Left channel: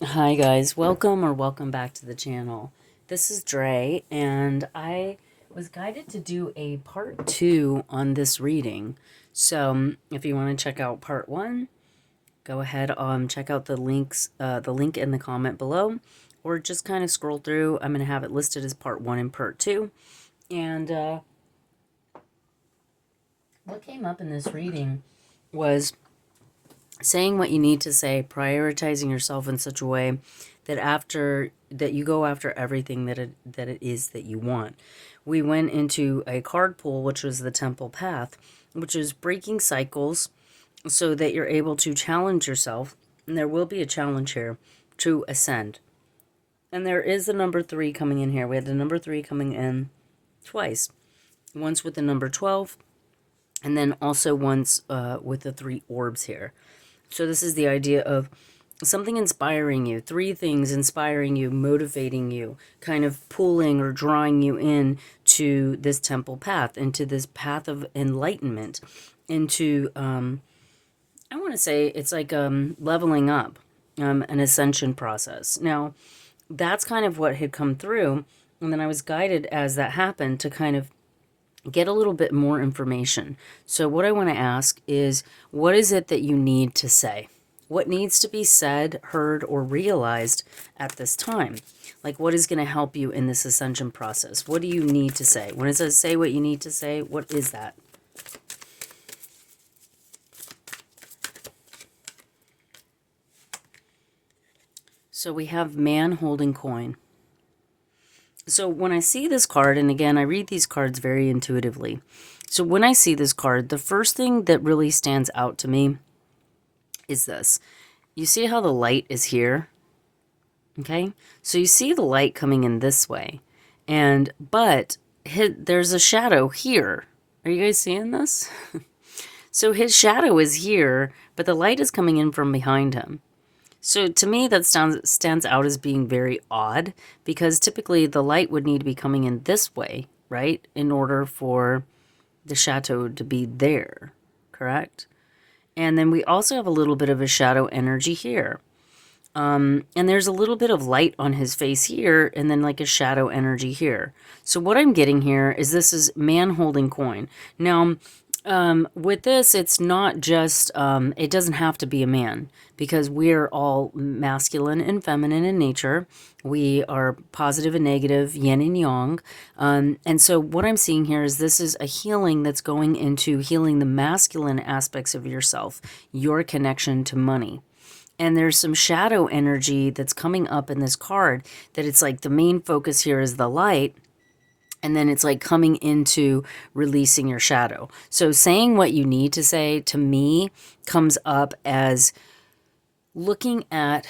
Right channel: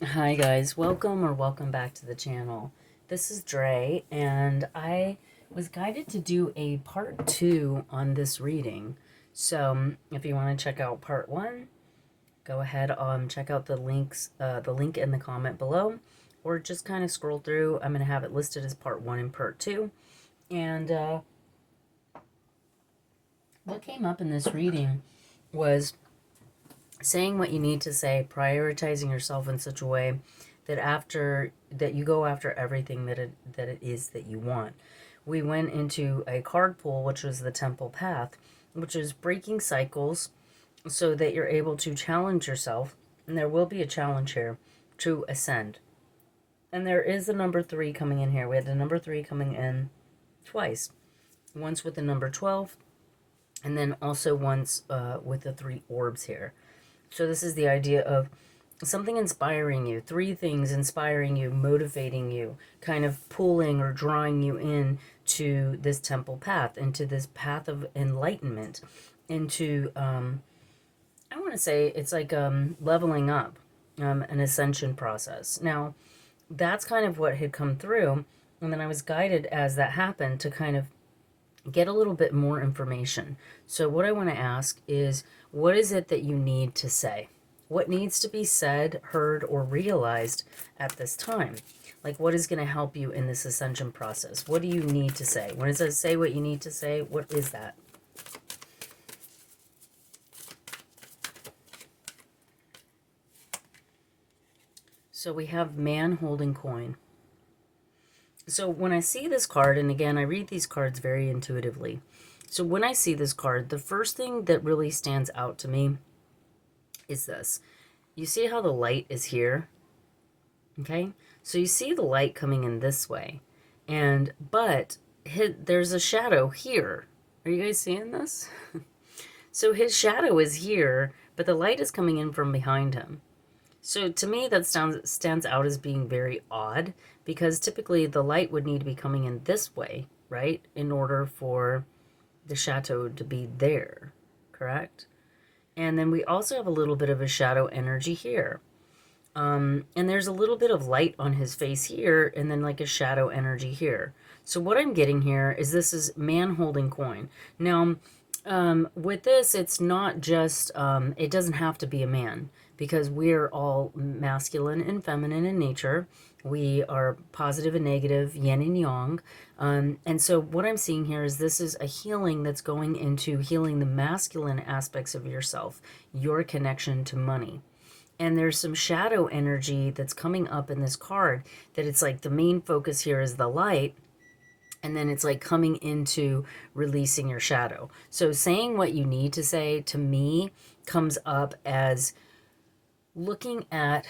Hi guys, welcome back to the channel. This is Dre, and I was guided to do a part 2 on this reading. So if you want to check out part 1, go ahead, check out the link in the comment below, or just kind of scroll through. I'm going to have it listed as part 1 and part 2. And what came up in this reading was saying what you need to say, prioritizing yourself in such a way that you go after everything that it is that you want. We went into a card pool, which was the Temple Path, which is breaking cycles so that you're able to challenge yourself. And there will be a challenge here to ascend. And there is the number 3 coming in here. We had the number 3 coming in twice. Once with the number 12, and then also once with the 3 orbs here. So this is the idea of something inspiring you, 3 things inspiring you, motivating you, kind of pulling or drawing you in to this temple path, into this path of enlightenment, into, I want to say it's like leveling up, an ascension process. Now, that's kind of what had come through. And then I was guided as that happened to kind of get a little bit more information. So what I want to ask is, what is it that you need to say? What needs to be said, heard, or realized at this time? Like, what is going to help you in this ascension process? What do you need to say? When it says say what you need to say, what is that? So we have man holding coin. So when I see this card, and again, I read these cards very intuitively. So when I see this card, the first thing that really stands out to me is this. You see how the light is here? Okay? So you see the light coming in this way. But there's a shadow here. Are you guys seeing this? So his shadow is here, but the light is coming in from behind him. So to me, that stands out as being very odd, because typically the light would need to be coming in this way, right? In order for the chateau to be there, correct? And then we also have a little bit of a shadow energy here. And there's a little bit of light on his face here, and then like a shadow energy here. So what I'm getting here is this is man holding coin. Now, with this, it's not just, it doesn't have to be a man, because we're all masculine and feminine in nature. We are positive and negative, yin and yang. And so what I'm seeing here is this is a healing that's going into healing the masculine aspects of yourself, your connection to money. And there's some shadow energy that's coming up in this card, that it's like the main focus here is the light, and then it's like coming into releasing your shadow. So saying what you need to say, to me, comes up as looking at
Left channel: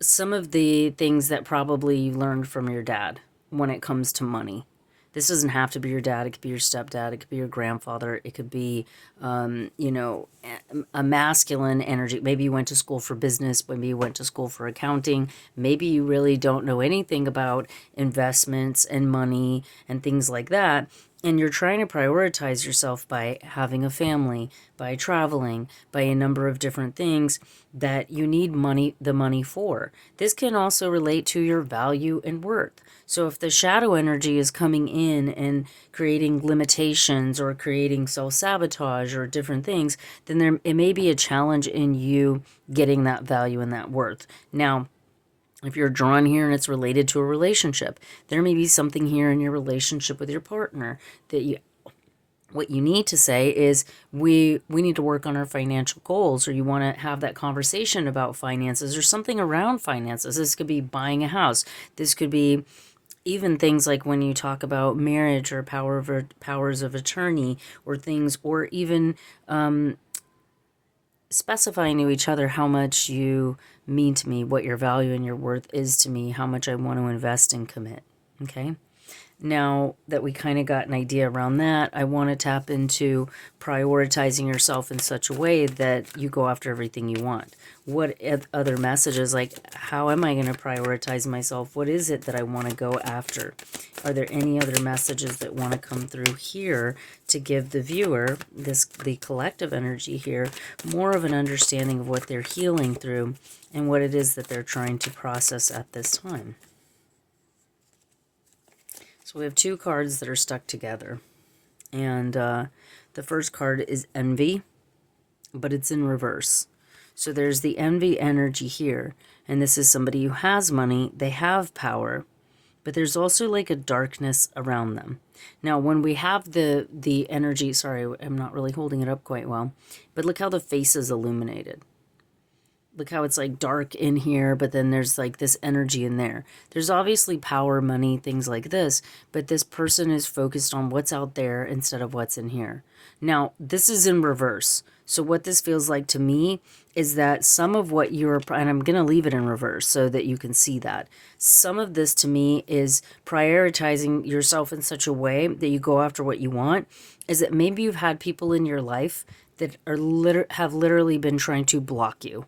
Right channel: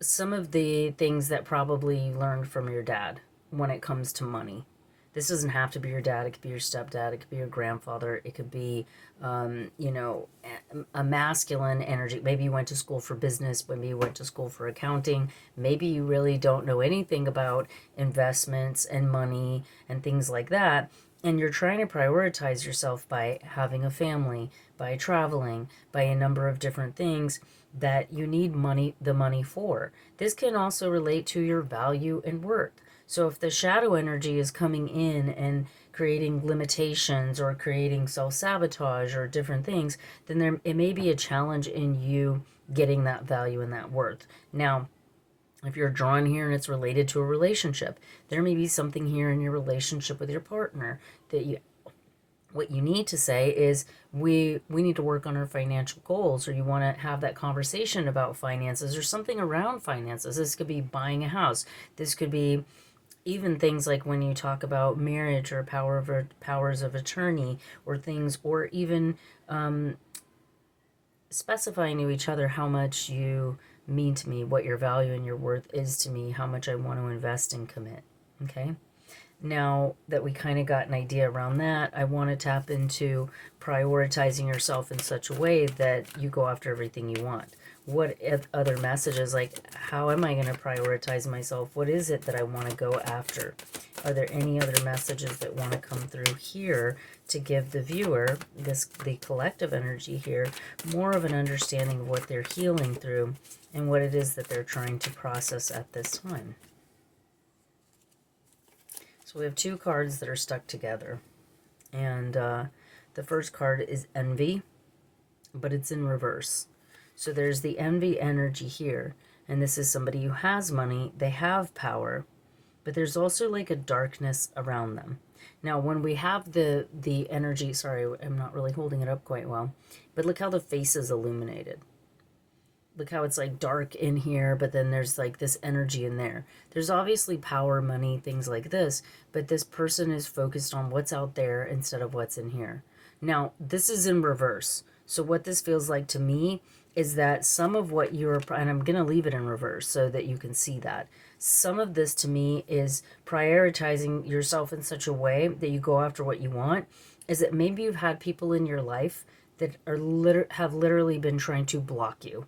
some of the things that probably you learned from your dad when it comes to money. This doesn't have to be your dad. It could be your stepdad. It could be your grandfather. It could be, a masculine energy. Maybe you went to school for business. Maybe you went to school for accounting. Maybe you really don't know anything about investments and money and things like that. And you're trying to prioritize yourself by having a family, by traveling, by a number of different things that you need the money for. This can also relate to your value and worth. So if the shadow energy is coming in and creating limitations or creating self-sabotage or different things, then it may be a challenge in you getting that value and that worth. Now, if you're drawn here and it's related to a relationship, there may be something here in your relationship with your partner that what you need to say is, we need to work on our financial goals, or you want to have that conversation about finances or something around finances. This could be buying a house. This could be even things like when you talk about marriage or powers of attorney, or things, or even specifying to each other how much you mean to me, what your value and your worth is to me, how much I want to invest and commit. Okay. Now that we kind of got an idea around that, I want to tap into prioritizing yourself in such a way that you go after everything you want. What other messages, like how am I going to prioritize myself? What is it that I want to go after? Are there any other messages that want to come through here to give the viewer, the collective energy here, more of an understanding of what they're healing through and what it is that they're trying to process at this time? So we have two cards that are stuck together. And the first card is envy, but it's in reverse. So there's the envy energy here. And this is somebody who has money, they have power, but there's also like a darkness around them. Now, when we have the energy, sorry, I'm not really holding it up quite well, but look how the face is illuminated. Look how it's like dark in here, but then there's like this energy in there. There's obviously power, money, things like this, but this person is focused on what's out there instead of what's in here. Now, this is in reverse. So what this feels like to me is that some of what you're, and I'm going to leave it in reverse so that you can see that. Some of this to me is prioritizing yourself in such a way that you go after what you want, is that maybe you've had people in your life that have literally been trying to block you,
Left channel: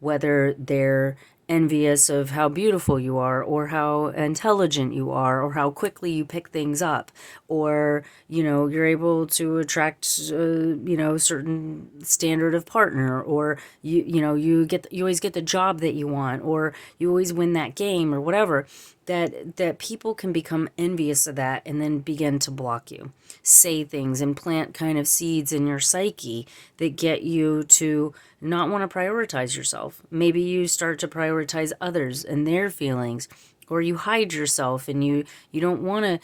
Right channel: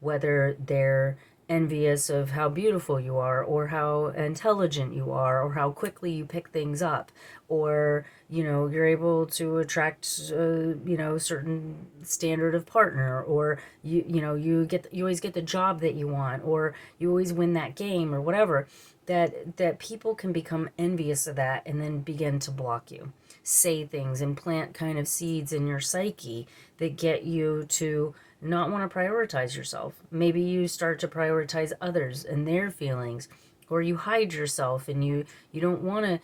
whether they're envious of how beautiful you are or how intelligent you are or how quickly you pick things up, or you're able to attract certain standard of partner, or you always get the job that you want, or you always win that game or whatever, that people can become envious of that and then begin to block you, say things and plant kind of seeds in your psyche that get you to not want to prioritize yourself. Maybe you start to prioritize others and their feelings, or you hide yourself and you don't want to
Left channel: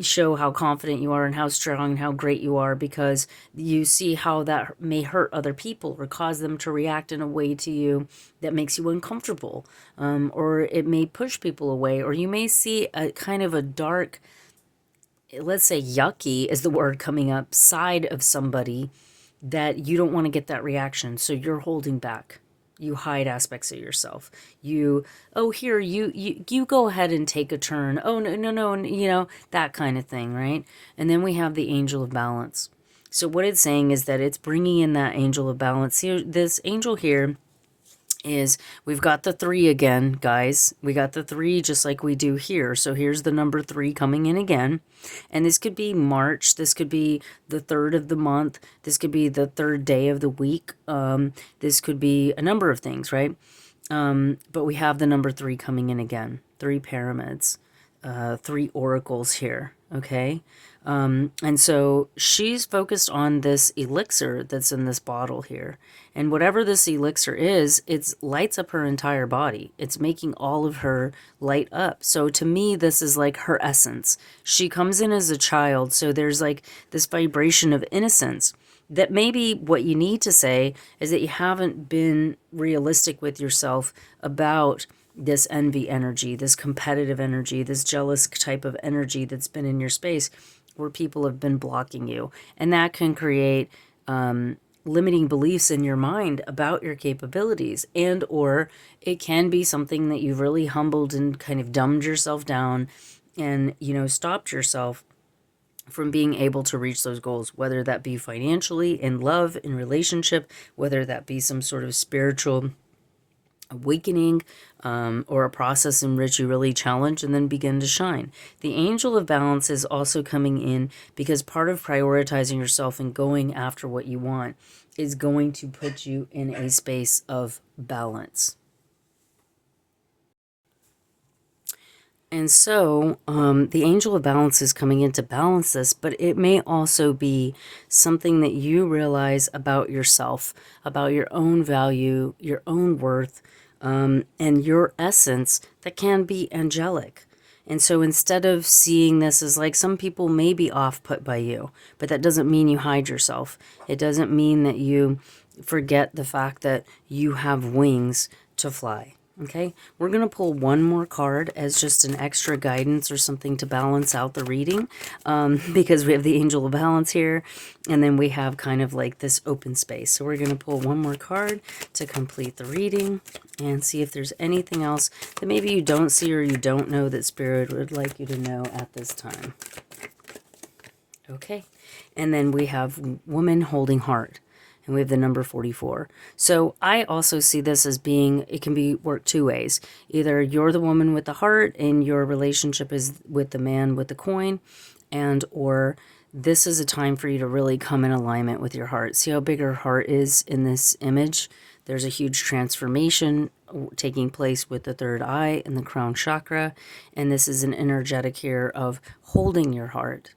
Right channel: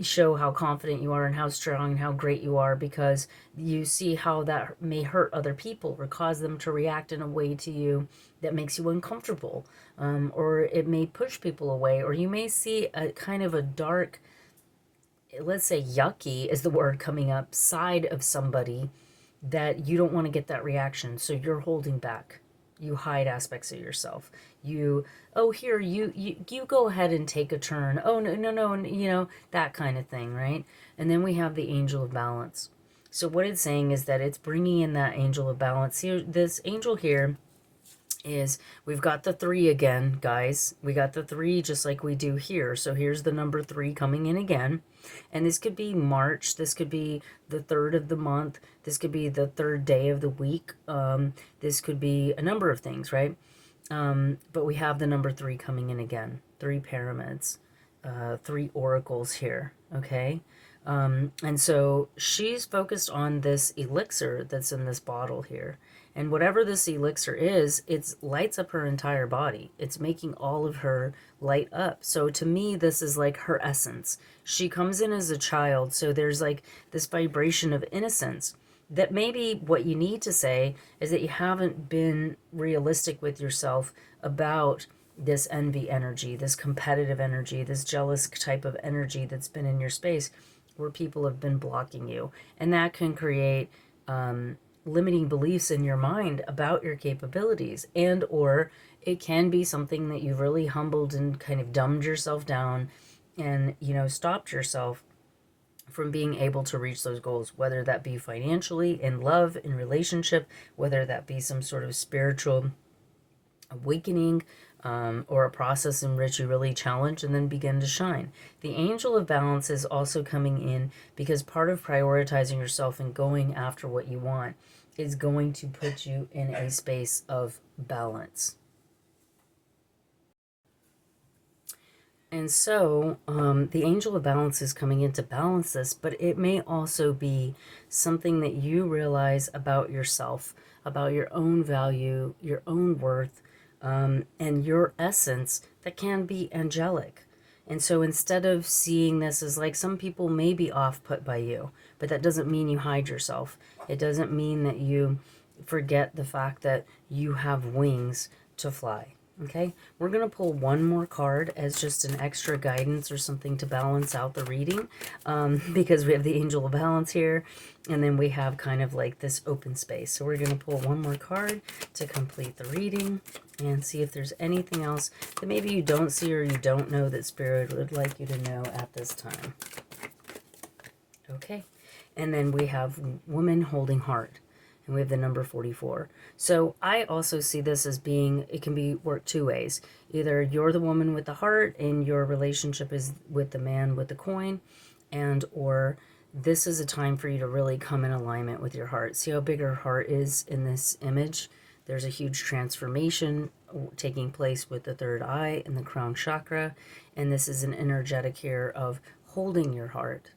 show how confident you are and how strong and how great you are, because you see how that may hurt other people or cause them to react in a way to you that makes you uncomfortable, or it may push people away, or you may see a kind of a dark, let's say yucky is the word coming up, side of somebody that you don't want to get that reaction, so you're holding back. You hide aspects of yourself. You go ahead and take a turn. Oh, no, that kind of thing, right? And then we have the angel of balance. So what it's saying is that it's bringing in that angel of balance here. This angel here is, we've got the 3 again, guys. We got the 3 just like we do here. So here's the number 3 coming in again. And this could be March. This could be the 3rd of the month. This could be the 3rd day of the week. This could be a number of things, right? But we have the number 3 coming in again. 3 pyramids, 3 oracles here, okay? And so she's focused on this elixir that's in this bottle here. And whatever this elixir is, it lights up her entire body. It's making all of her light up. So to me, this is like her essence. She comes in as a child, so there's like this vibration of innocence that maybe what you need to say is that you haven't been realistic with yourself about this envy energy, this competitive energy, this jealous type of energy that's been in your space, where people have been blocking you. And that can create limiting beliefs in your mind about your capabilities, and or it can be something that you've really humbled and kind of dumbed yourself down and stopped yourself from being able to reach those goals, whether that be financially, in love, in relationship, whether that be some sort of spiritual awakening, or a process in which you really challenge and then begin to shine. The angel of balance is also coming in because part of prioritizing yourself and going after what you want is going to put you in a space of balance. And so the angel of balance is coming in to balance this, but it may also be something that you realize about yourself, about your own value, your own worth, and your essence that can be angelic. And so instead of seeing this as like, some people may be off put by you, but that doesn't mean you hide yourself. It doesn't mean that you forget the fact that you have wings to fly. Okay, we're going to pull one more card as just an extra guidance or something to balance out the reading, because we have the Angel of Balance here, and then we have kind of like this open space. So we're going to pull one more card to complete the reading and see if there's anything else that maybe you don't see or you don't know that Spirit would like you to know at this time. Okay, and then we have Woman Holding Heart. And we have the number 44. So I also see this as being, it can be worked two ways. Either you're the woman with the heart and your relationship is with the man with the coin, and or this is a time for you to really come in alignment with your heart. See how big her heart is in this image? There's a huge transformation taking place with the third eye and the crown chakra. And this is an energetic here of holding your heart.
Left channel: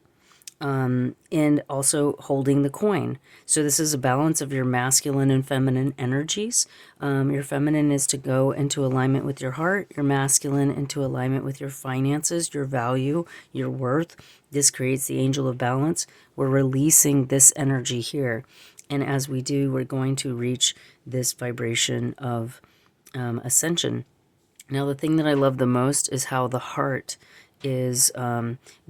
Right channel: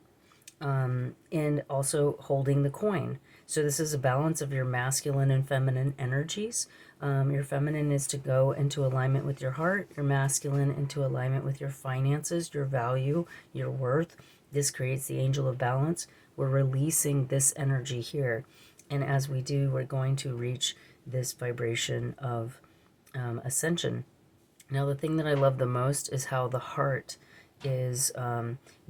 And also holding the coin. So this is a balance of your masculine and feminine energies. Your feminine is to go into alignment with your heart, your masculine into alignment with your finances, your value, your worth. This creates the Angel of Balance. We're releasing this energy here. And as we do, we're going to reach this vibration of ascension. Now, the thing that I love the most is how the heart is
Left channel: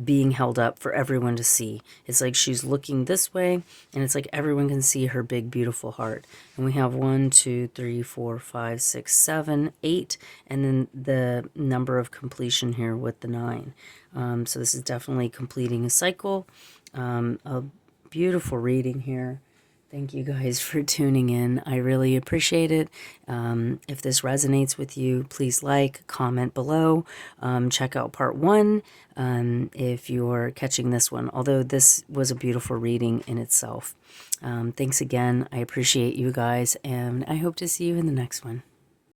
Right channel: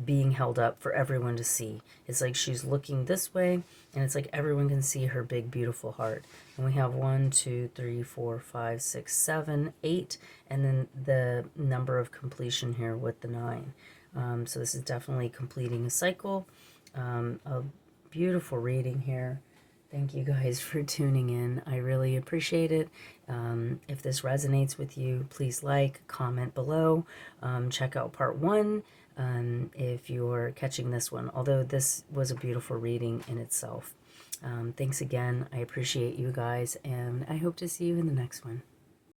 being held up for everyone to see. It's like she's looking this way, and it's like everyone can see her big, beautiful heart. And we have 1, 2, 3, 4, 5, 6, 7, 8, and then the number of completion here with the 9. So this is definitely completing a cycle. A beautiful reading here. Thank you guys for tuning in. I really appreciate it. If this resonates with you, please like, comment below. Check out part 1 if you're catching this one, although this was a beautiful reading in itself. Thanks again. I appreciate you guys, and I hope to see you in the next one.